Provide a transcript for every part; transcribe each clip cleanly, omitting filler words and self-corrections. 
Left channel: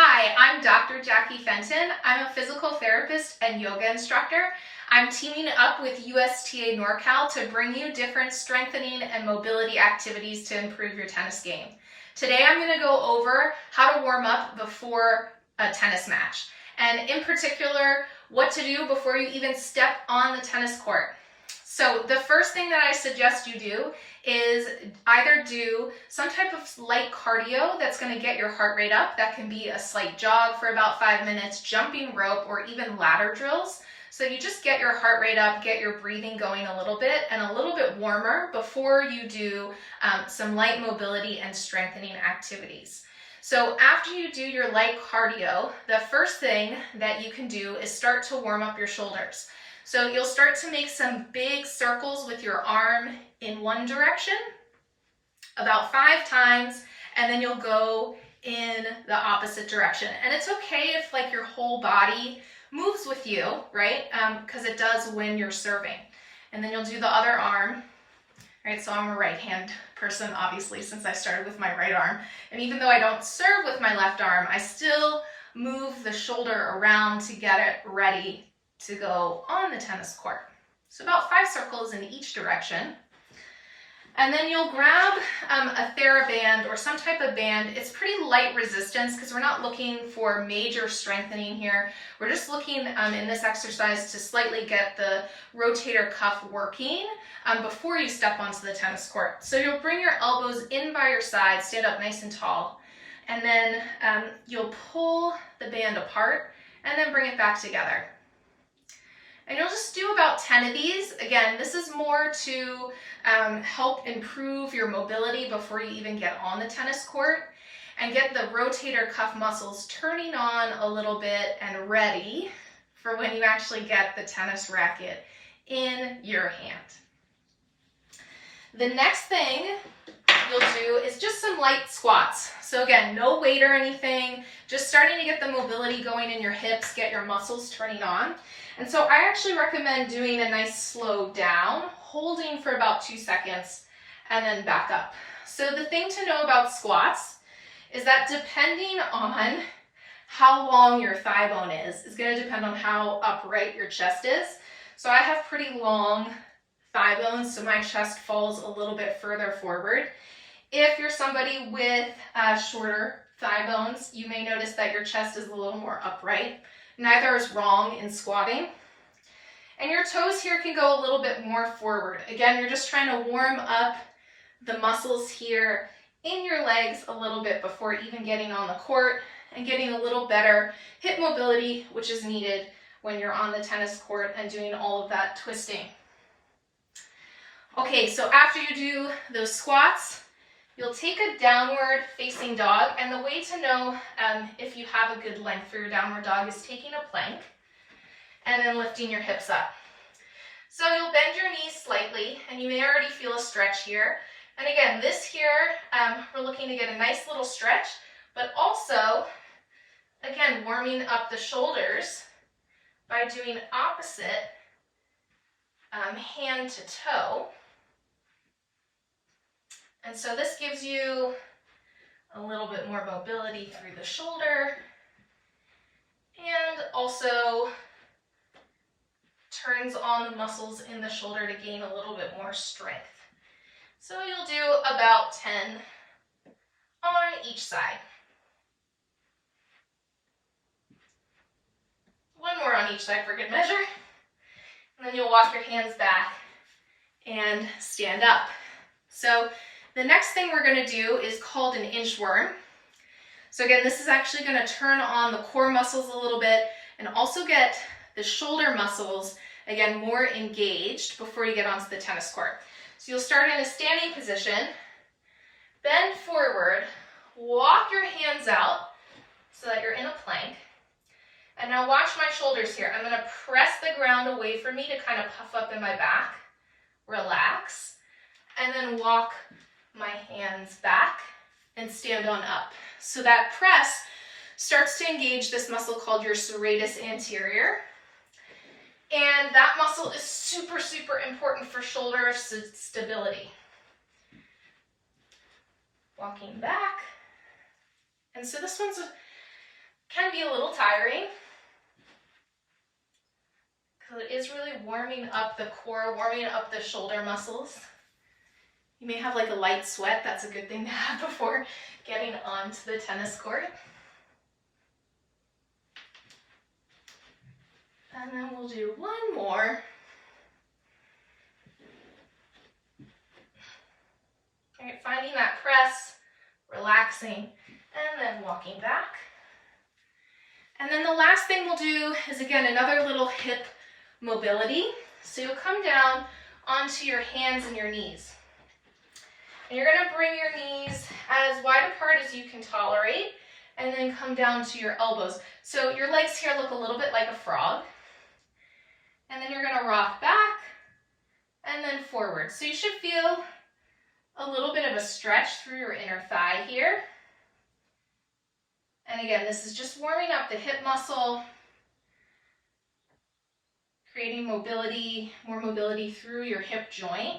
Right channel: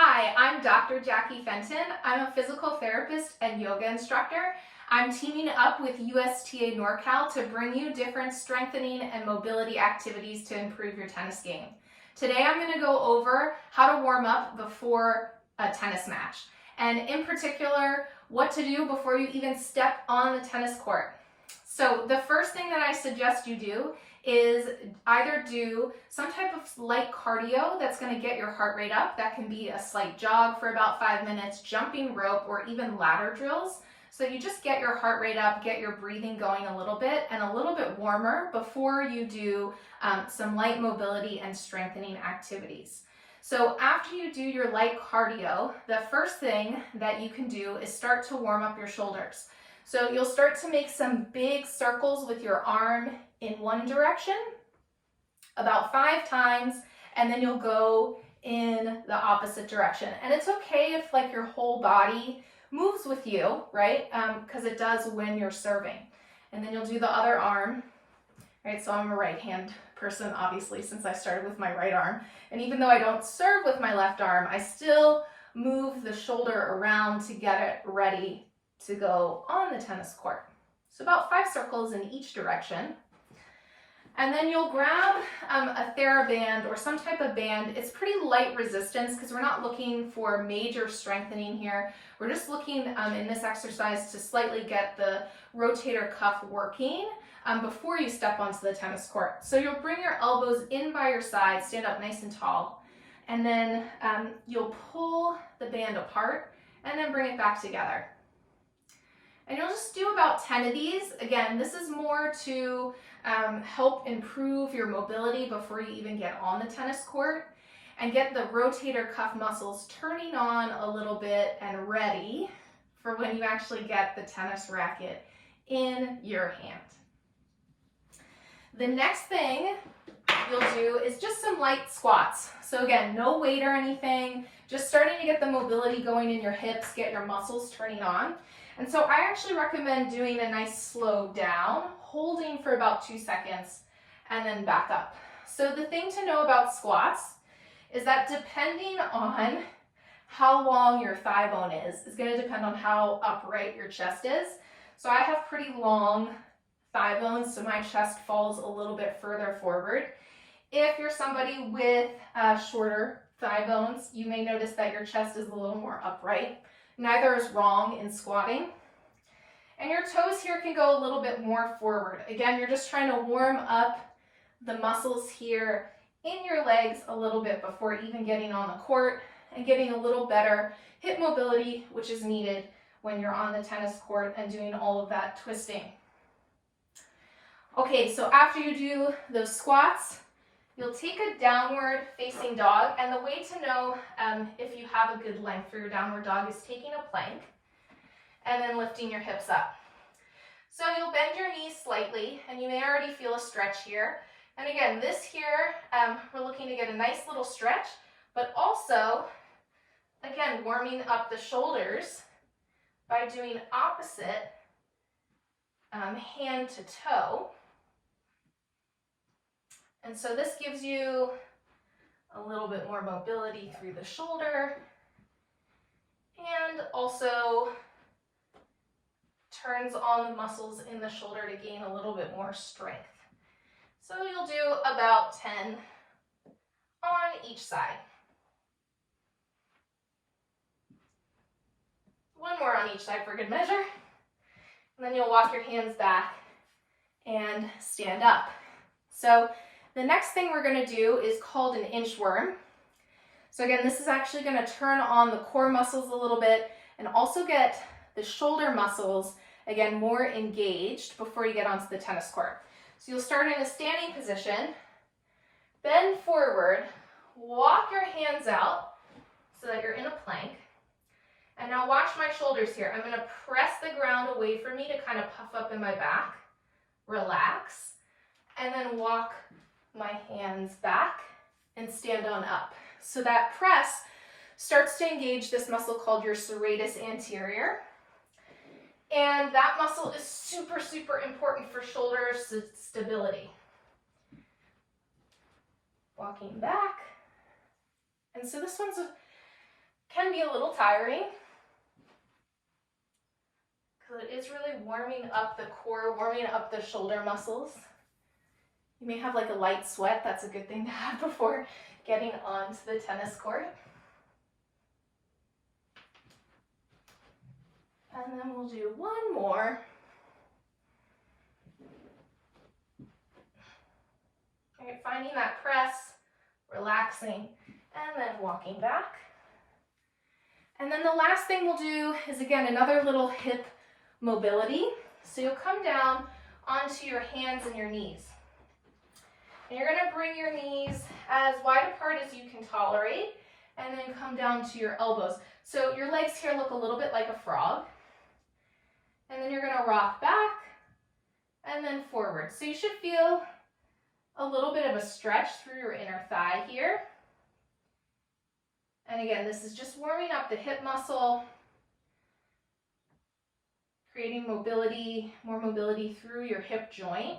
Hi, I'm Dr. Jackie Fenton. I'm a physical therapist and yoga instructor. I'm teaming up with USTA NorCal to bring you different strengthening and mobility activities to improve your tennis game. Today I'm going to go over how to warm up before a tennis match, and in particular, what to do before you even step on the tennis court. So the first thing that I suggest you do is either do some type of light cardio that's going to get your heart rate up. That can be a slight jog for about 5 minutes, jumping rope, or even ladder drills. So you just get your heart rate up, get your breathing going a little bit and a little bit warmer before you do some light mobility and strengthening activities. So after you do your light cardio, the first thing that you can do is start to warm up your shoulders. So you'll start to make some big circles with your arm in one direction, about 5 times, and then you'll go in the opposite direction. And it's okay if like your whole body moves with you, right? Because it does when you're serving. And then you'll do the other arm, right? So I'm a right hand person, obviously, since I started with my right arm. And even though I don't serve with my left arm, I still move the shoulder around to get it ready to go on the tennis court. So about 5 circles in each direction. And then you'll grab a TheraBand or some type of band. It's pretty light resistance because we're not looking for major strengthening here. We're just looking in this exercise to slightly get the rotator cuff working before you step onto the tennis court. So you'll bring your elbows in by your side, stand up nice and tall, and then you'll pull the band apart and then bring it back together. And you'll just do about 10 of these. Again, this is more to help improve your mobility before you even get on the tennis court and get the rotator cuff muscles turning on a little bit and ready for when you actually get the tennis racket in your hand. The next thing you'll do is just some light squats. So again, no weight or anything, just starting to get the mobility going in your hips, get your muscles turning on. And so I actually recommend doing a nice slow down, holding for about 2 seconds, and then back up. So the thing to know about squats is that depending on how long your thigh bone is going to depend on how upright your chest is. So I have pretty long thigh bones, so my chest falls a little bit further forward. If you're somebody with shorter thigh bones, you may notice that your chest is a little more upright. Neither is wrong in squatting. And your toes here can go a little bit more forward. Again, you're just trying to warm up the muscles here in your legs a little bit before even getting on the court and getting a little better hip mobility, which is needed when you're on the tennis court and doing all of that twisting. Okay, so after you do those squats, you'll take a downward facing dog, and the way to know if you have a good length for your downward dog is taking a plank and then lifting your hips up. So you'll bend your knees slightly, and you may already feel a stretch here. And again, this here, we're looking to get a nice little stretch, but also, again, warming up the shoulders by doing opposite hand to toe. And so this gives you a little bit more mobility through the shoulder and also turns on the muscles in the shoulder to gain a little bit more strength. So you'll do about 10 on each side. One more on each side for good measure. And then you'll walk your hands back and stand up. So the next thing we're going to do is called an inchworm. So again, this is actually going to turn on the core muscles a little bit and also get the shoulder muscles, again, more engaged before you get onto the tennis court. So you'll start in a standing position, bend forward, walk your hands out so that you're in a plank. And now watch my shoulders here. I'm going to press the ground away from me to kind of puff up in my back, relax, and then walk my hands back and stand on up. So that press starts to engage this muscle called your serratus anterior. And that muscle is super, super important for shoulder stability. Walking back. And so this one's be a little tiring because it is really warming up the core, warming up the shoulder muscles. You may have like a light sweat. That's a good thing to have before getting onto the tennis court. And then we'll do one more. All right, finding that press, relaxing, and then walking back. And then the last thing we'll do is, again, another little hip mobility. So you'll come down onto your hands and your knees. And you're gonna bring your knees as wide apart as you can tolerate, and then come down to your elbows. So your legs here look a little bit like a frog. And then you're gonna rock back and then forward. So you should feel a little bit of a stretch through your inner thigh here. And again, this is just warming up the hip muscle, creating mobility, more mobility through your hip joint,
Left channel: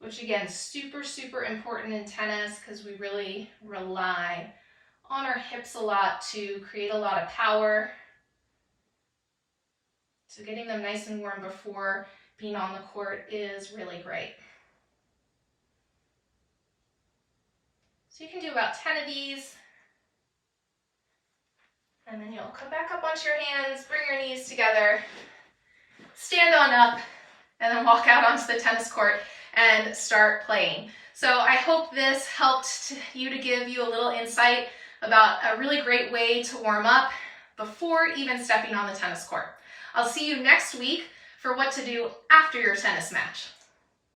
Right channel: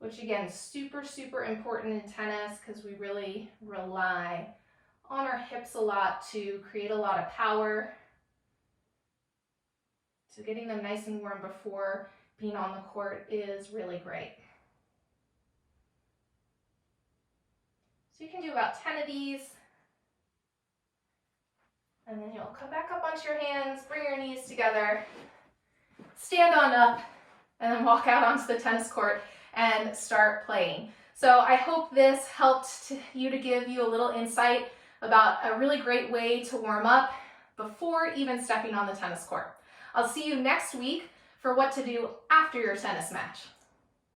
which again, is super, super important in tennis because we really rely on our hips a lot to create a lot of power. So getting them nice and warm before being on the court is really great. So you can do about 10 of these. And then you'll come back up onto your hands, bring your knees together, stand on up, and then walk out onto the tennis court and start playing. So I hope this helped you to give you a little insight about a really great way to warm up before even stepping on the tennis court. I'll see you next week for what to do after your tennis match.